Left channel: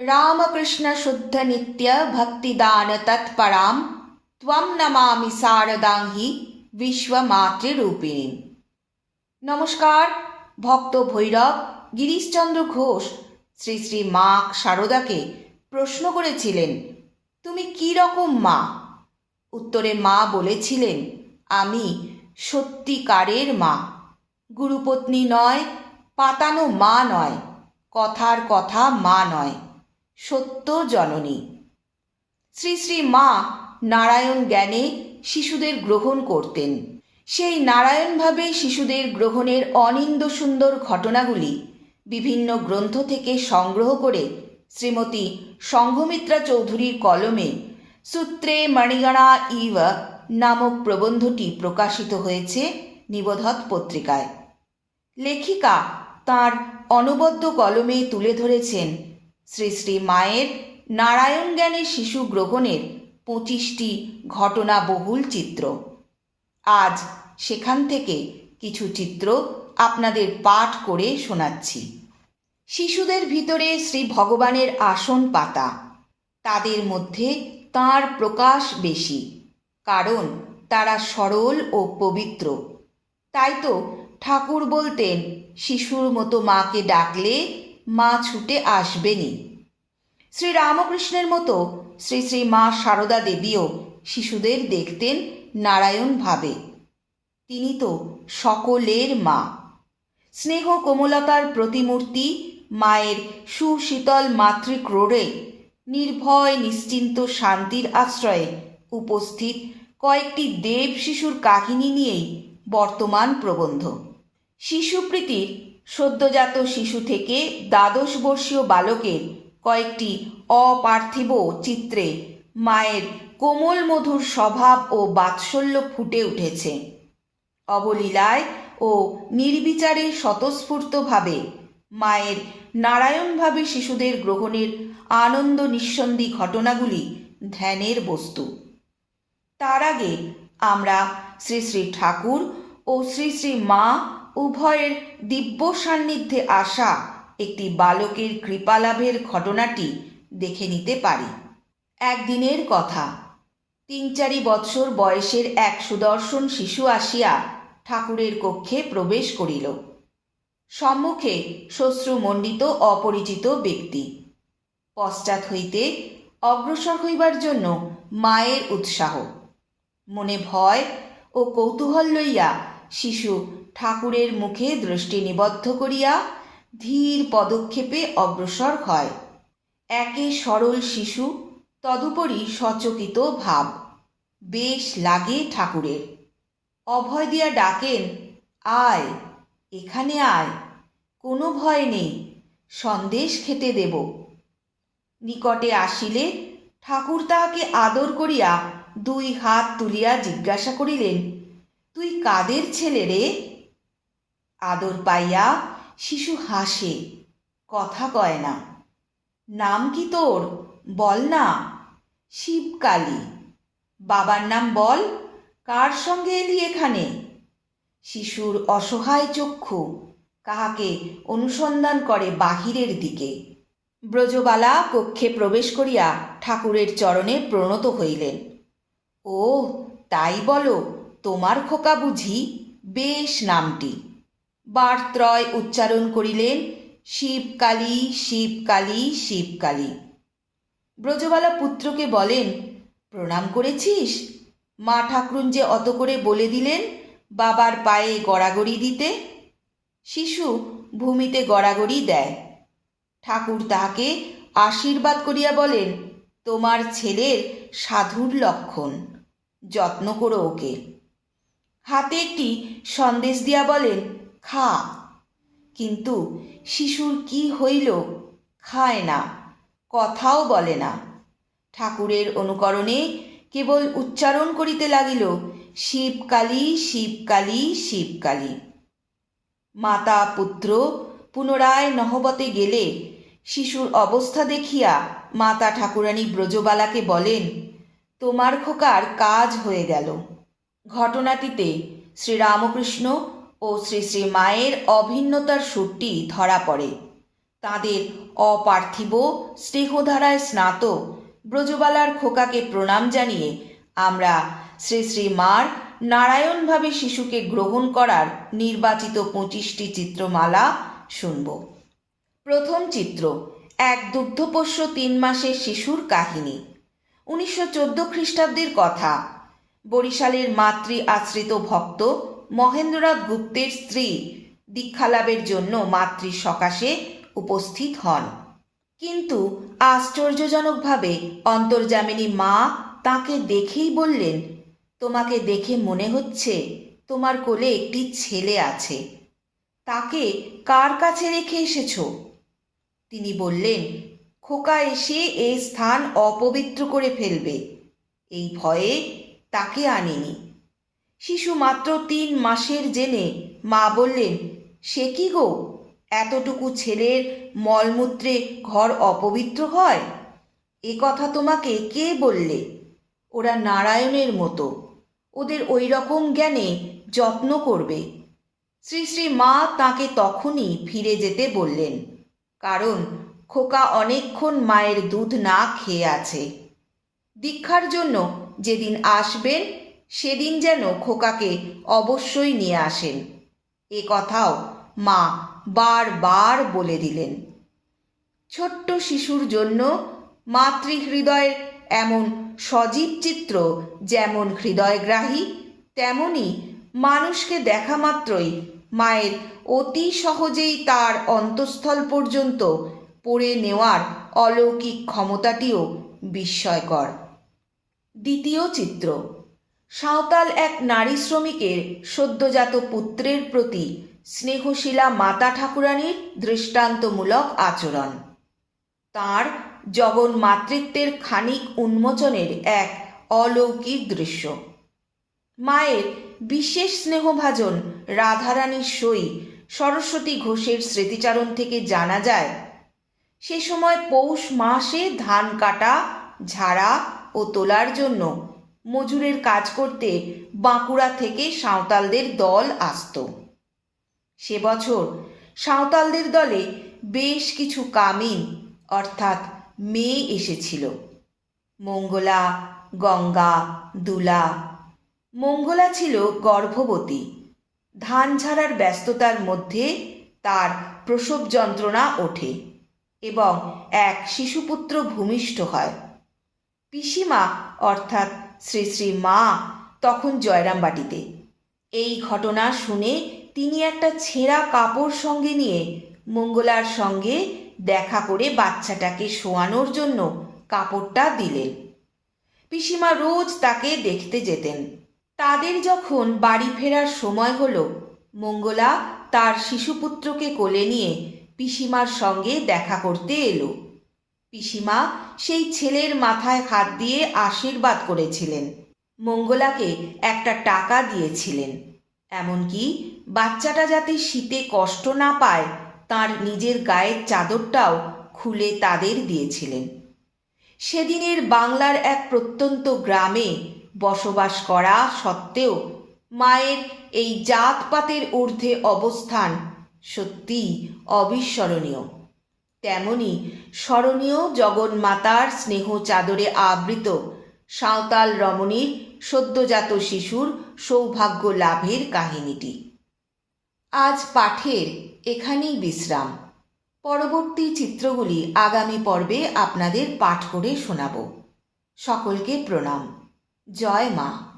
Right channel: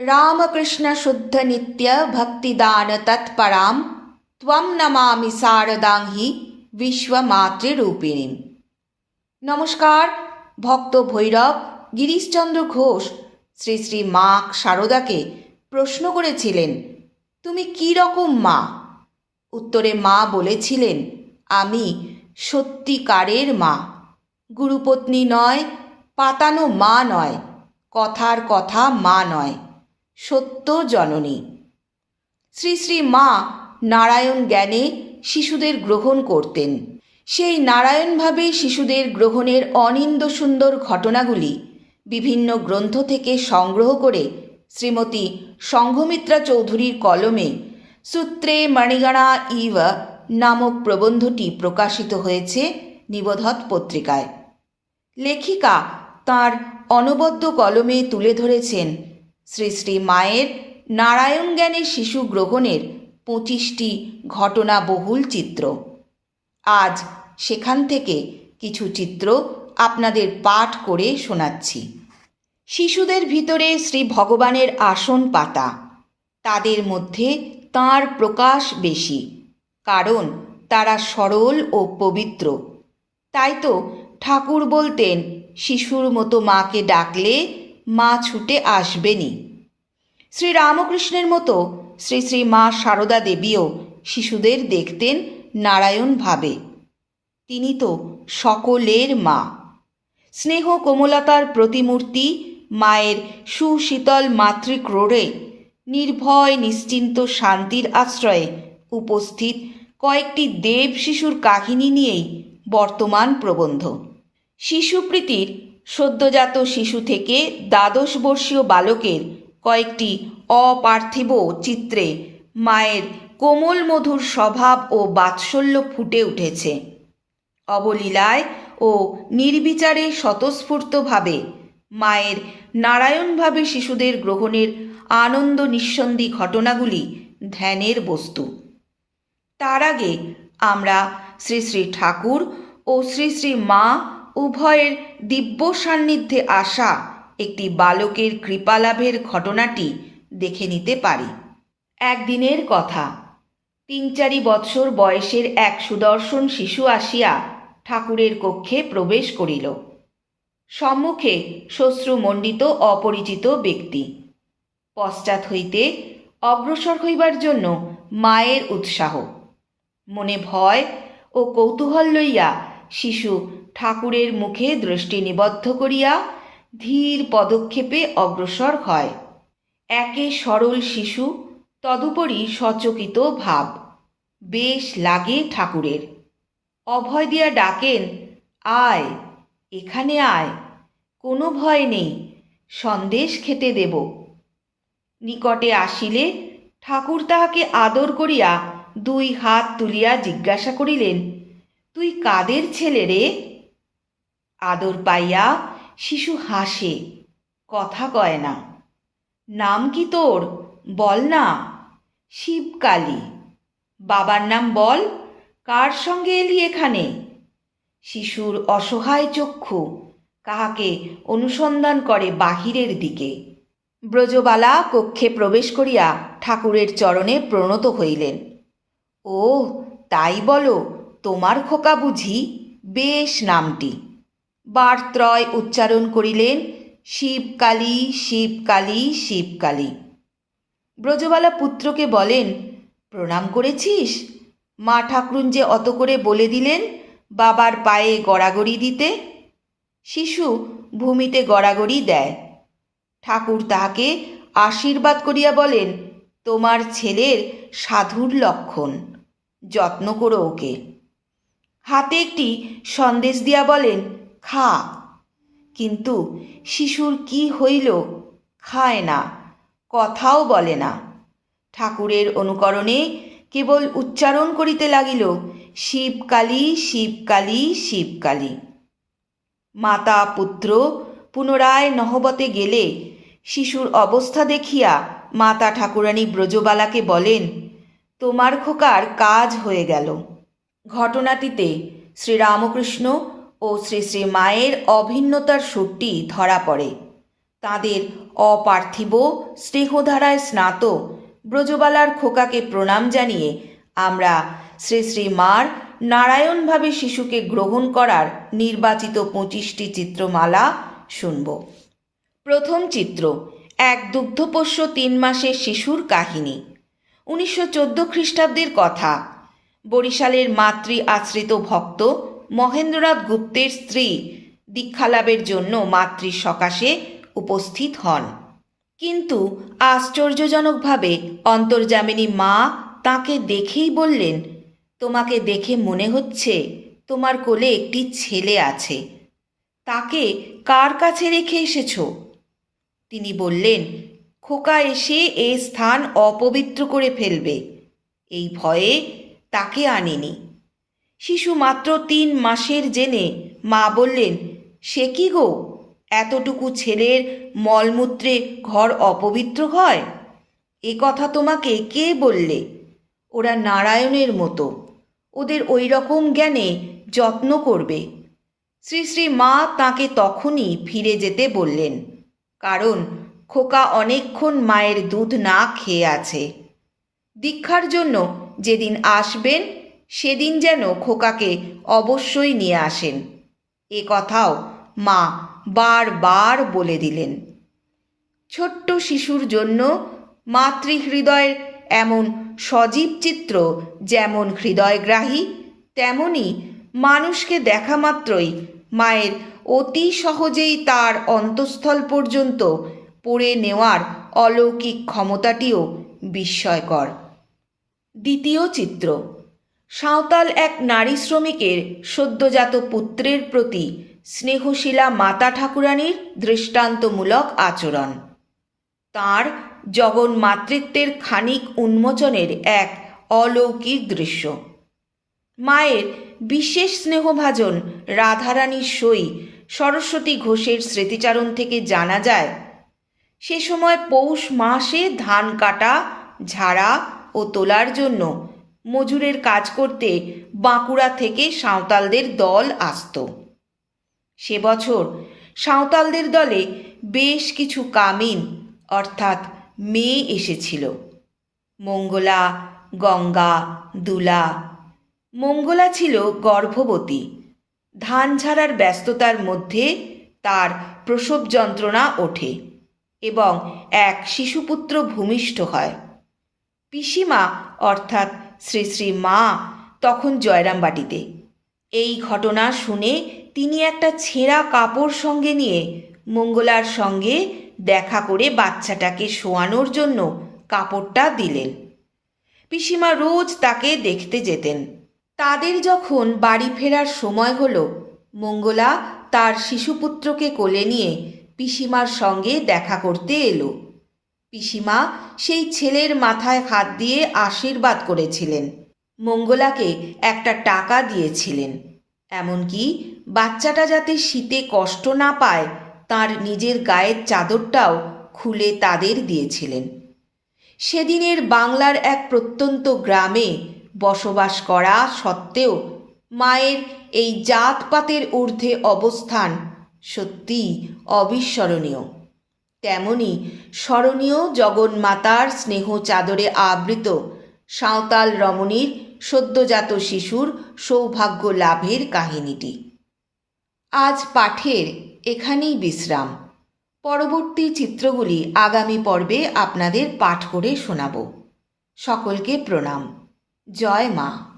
रामकृष्ण शुद्ध नित्य भक्तिदान तत्पराम त्वं नमामि শারদাঙ্গি বিশ্বমাতৃরূপিণী নমস্কার ভক্ত ভৈরব গিরিশচন্দ্র ঘোষ শ্রী শ্রী মা শারদাকে প্রশ্ন করেছিলেন তুমি কি রকম মা উত্তরে মা বলেছিলেন আমি সত্যিকারের মা গুরুপত্নী নয় পাতানো মা নয় কথার কথা মা নয় সত্য জননী। শ্রী শ্রী মা নারায়ণ জ্ঞানে শিশুদের গ্রহণ করতেন। সেই নারায়ণভাবে শিশুদের গ্রহণের অনিন্দ সুন্দর ঘটনাগুলি বিভিন্ন গ্রন্থ থেকে সংগ্রহ করে শ্রীমতী সংঘমিত্রা চৌধুরীর কলমে সূত্রে মণিগণা ইভ নামক প্রবন্ধটি প্রকাশিত হয়েছে নিবোধক পত্রিকায়। লেখিকা তার অনবদ্য কলমে তুলে ধরেছেন শ্রী শ্রী মায়ের নারায়ণ জ্ঞানে শিশু গ্রহণের পঁচিশটি ঘটনা বহুল চিত্র। আজ সেখান থেকে কিছু চিত্র আপনাদের পাঠ করে শোনাচ্ছি। শিশুদের ভিতরে শ্রী ভগবানের আসন পাতা, তাদের মধ্যে তাঁর প্রকাশ বেশি, কারণ তারা সরল ও পবিত্র। তাই তো ঠাকুর বলতেন, শিশুর মতো মাকে ডাকলে মা ছুটে আসবেনি। শ্রী রামকৃষ্ণের মতো শ্রী শ্রী মা সারদা দেবীও শিশুদের দেখতেন নারায়ণ ভাবে তিনি তো সকলের মা। স্নেহ কোমলতার প্রতিমূর্তি মায়ের সুশীতল মাতৃক্রোড়ে নির্ভয় নিশ্চিন্ত শান্তির আশ্রয়ে উপস্থিত কয়েকটি দেব শিশুর কাহিনী নিয়েই বর্তমান প্রবন্ধ। শিশুপ্রীতির সদ্যজাত শিশু থেকে দ্বাদশ বর্ষীয় বালকের কয়েকটি অপার্থিব চিত্রে মায়ের কোমল মধুর স্বভাব ও বাৎসল্য ফুটে উঠেছে। অবলীলায় ও নির্বিচারে স্বতঃস্ফূর্তভাবে মায়ের নারায়ণভাবে শিশুদের গ্রহণের আনন্দ নিঃসন্ধি ঘটনাগুলি ধ্যানের বস্তু। তার আগে আমরা শ্রী শ্রী ঠাকুর ও শ্রী শ্রী মা উভয়ের দিব্য সান্নিধ্যে আসা একটি বালকের কৃপালাভের ঘটনাটি দেখে নিতে পারি। একদিনের কথা তিন চারি বৎসর বয়সের এক সুদর্শন শিশু আসিয়া ঠাকুরের কক্ষে প্রবেশ করিল। সম্মুখে শ্বশ্রুমণ্ডিত অপরিচিত ব্যক্তি। পশ্চাৎ হইতে অগ্রসর হইবার জন্য মায়ের উৎসাহ। মনে ভয় ও কৌতূহল লইয়া শিশু ঠাকুরের মুখে দৃষ্টি নিবদ্ধ করিয়া ধীর পদক্ষেপে অগ্রসর হয়। একে সরল শিশু, তদুপরি সচকিত ভাব। বেশ লাগে ঠাকুরের। অভয় দিয়া ডাকেন, আয়, এখানে আয়, কোনো ভয় নেই, সন্দেশ খেতে দেব। নিকটে আসিলে ঠাকুর তাহাকে আদর করিয়া দুই হাত তুলিয়া জিজ্ঞাসা করিলেন, তুই কাদের ছেলে রে? আদর পাইয়া শিশু হাসে, কথা কয় না। নাম কি তোর? বল না। শিবকালী। বাবার নাম বল? কার সঙ্গে এলি এখানে? শিশুর অসহায় চক্ষু কাহাকে অনুসন্ধান করে বাহিরের দিকে। ব্রজবালা কক্ষে প্রবেশ করিয়া ঠাকুরের চরণে প্রণত হইলেন। ও, তাই বলো, তোমার খোকা বুঝি বেশ নামটি। বারত্রয় উচ্চারণ করিলেন, শিবকালী শিবকালী শিবকালী। ব্রজবালা পুত্রকে বলেন, প্রণাম করেছিস? মা ঠাকুরুন যে অত করে বলে দিলেন বাবার পায়ে গড়াগড়ি দিতে, শিশু ভূমিতে গড়াগড়ি দেয়। ঠাকুর তাহাকে আশীর্বাদ করিয়া বলেন, তোমার ছেলের সাধুর লক্ষণ, যত্ন করো ওকে। হাতে একটি সন্দেশ দিয়া বলেন খা। কিন্তু শিশুর কি হইল খায় না, কথাও বলে না। ঠাকুরের অনুকরণে কেবল উচ্চারণ করিতে লাগিল, শিবকালী শিবকালী শিবকালী। মাতা পুত্র পুনরায় নহবতে গেলে শিশুর অবস্থা দেখিয়া মাতা ঠাকুরানী ব্রজবালাকে বলেন, তোমার খোকার কাজ হয়ে গেল। ঘটনাটিতে শ্রীরামকৃষ্ণ ও শ্রী শ্রী মায়ের অভিন্নতার সুরটি ধরা পড়ে। তাদের অপার্থিব স্নেহধারায় স্নাত ব্রজবালার খোকাকে প্রণাম জানিয়ে আমরা শ্রী শ্রী মার নারায়ণভাবে শিশুকে গ্রহণ করার নির্বাচিত পঁচিশটি চিত্রমালা শুনব। প্রথম চিত্র, এক দুগ্ধপোষ্য তিন মাসের শিশুর কাহিনী। উনিশশো চোদ্দ খ্রিস্টাব্দের কথা। বরিশালের মাতৃ আশ্রিত ভক্ত মহেন্দ্রনাথ গুপ্তের স্ত্রী দীক্ষালাভের জন্য মাতৃ সকাশে উপস্থিত হন। কিন্তু আশ্চর্যজনকভাবে অন্তর্জামিনী মা তাকে দেখেই বললেন, তোমাকে দেখে মনে হচ্ছে তোমার কোলে একটি ছেলে আছে। তাকে কার কাছে রেখে এসেছ? তিনি বললেন, খোকা এসে এ স্থান অপবিত্র করে ফেলবে। এই ভয়ে তাকে আনেনি। শিশু মাত্র তিন মাসের জেনে মা বললেন, সে কি গো? এতটুকু ছেলের মলমূত্রে ঘর অপবিত্র হয়? এ কথা তোমাকে কে বললে? ওরা নারায়ণের মতো। ওদের ওই রকম জ্ঞানে যত্ন করবে। শ্রী শ্রী মা তাকে তখনই ফিরে যেতে বললেন, কারণ খোকা অনেকক্ষণ মায়ের দুধ না খেয়ে আছে। দীক্ষার জন্য যেদিন আসবেন সেদিন যেন খোকাকে অবশ্যই নিয়ে আসেন। এ কথাও মা বারবার বলে দিলেন। ছোট্ট শিশুর জন্য মাতৃহৃদয়ের এমন সজীব চিত্র যেমন হৃদয়গ্রাহী, তেমনি মানুষকে দেখা মাত্রই মায়ের অতি সহজেই তার অন্তঃস্থল পর্যন্ত পড়ে নেওয়ার অলৌকিক ক্ষমতাটিও বিস্ময়কর। দ্বিতীয় চিত্র সাঁওতাল এক নারী শ্রমিকের সদ্যজাত পুত্রের প্রতি স্নেহশীলা মাতা ঠাকুরানীর দৃষ্টান্তমূলক আচরণ। তার জগন মাতৃত্বের খানিক উন্মোচনের এক অলৌকিক দৃশ্য। মায়ের বিশেষ স্নেহভাজন রাধারানীর সই সরস্বতী ঘোষের স্মৃতিচারণ থেকে জানা যায়, সে সময় পৌষ মাসে ধান কাটা, ঝাড়া ও তোলার জন্য মজুরের কাজ করতে বাঁকুড়া থেকে সাঁওতালদের দল আসত। সে বছর সাঁওতালদের দলে বেশ কিছু কামিন, অর্থাৎ মেয়ে এসেছিল। মঙ্গলা, গঙ্গা, দুলা। মঙ্গলা ছিল গর্ভবতী। ধান ঝাড়ার ব্যস্ততার মধ্যে তার প্রসব যন্ত্রণা ওঠে এবং এক শিশুপুত্র ভূমিষ্ঠ হয়। পিসিমা, অর্থাৎ শ্রী শ্রী মা তখন জয়রামবাটিতে। এই ঘটনা শুনে তিনি একটা ছেঁড়া কাপড় সঙ্গে নিয়ে মঙ্গলার সঙ্গে দেখা করে বাচ্চাটাকে শোয়ানোর জন্য কাপড়টা দিলেন। পিসিমা রোজ তাকে দেখতে যেতেন। তাদের যখন বাড়ি ফেরার সময় হলো, মঙ্গলা তার শিশুপুত্রকে কোলে নিয়ে পিসিমার সঙ্গে দেখা করতে এলো। পিসিমা সেই ছেলের মাথায় হাত দিয়ে আশীর্বাদ করেছিলেন। মঙ্গলাকে একটা টাকা দিয়েছিলেন। এমনকি বাচ্চাটা যাতে শীতে কষ্ট না পায়, তার নিজের গায়ের চাদরটাও খুলে তাদের দিয়েছিলেন। সেদিনের বাংলার এক প্রত্যন্ত গ্রামে বসবাস করা সত্ত্বেও মায়ের এই জাতপাতের ঊর্ধ্বে অবস্থান সত্যি অবিস্মরণীয়। তেমনি স্মরণীয় জগন্মাতার স্নেহ চাদরে আবৃত। সাঁওতাল রমণীর সদ্যজাত শিশুর সৌভাগ্য লাভের কাহিনীটি। আজ পাঠের এখানেই বিশ্রাম। পরবর্তী চিত্রগুলি আগামী পর্বে আপনাদের পাঠ করে শোনাব। সকলকে প্রণাম। জয় মা।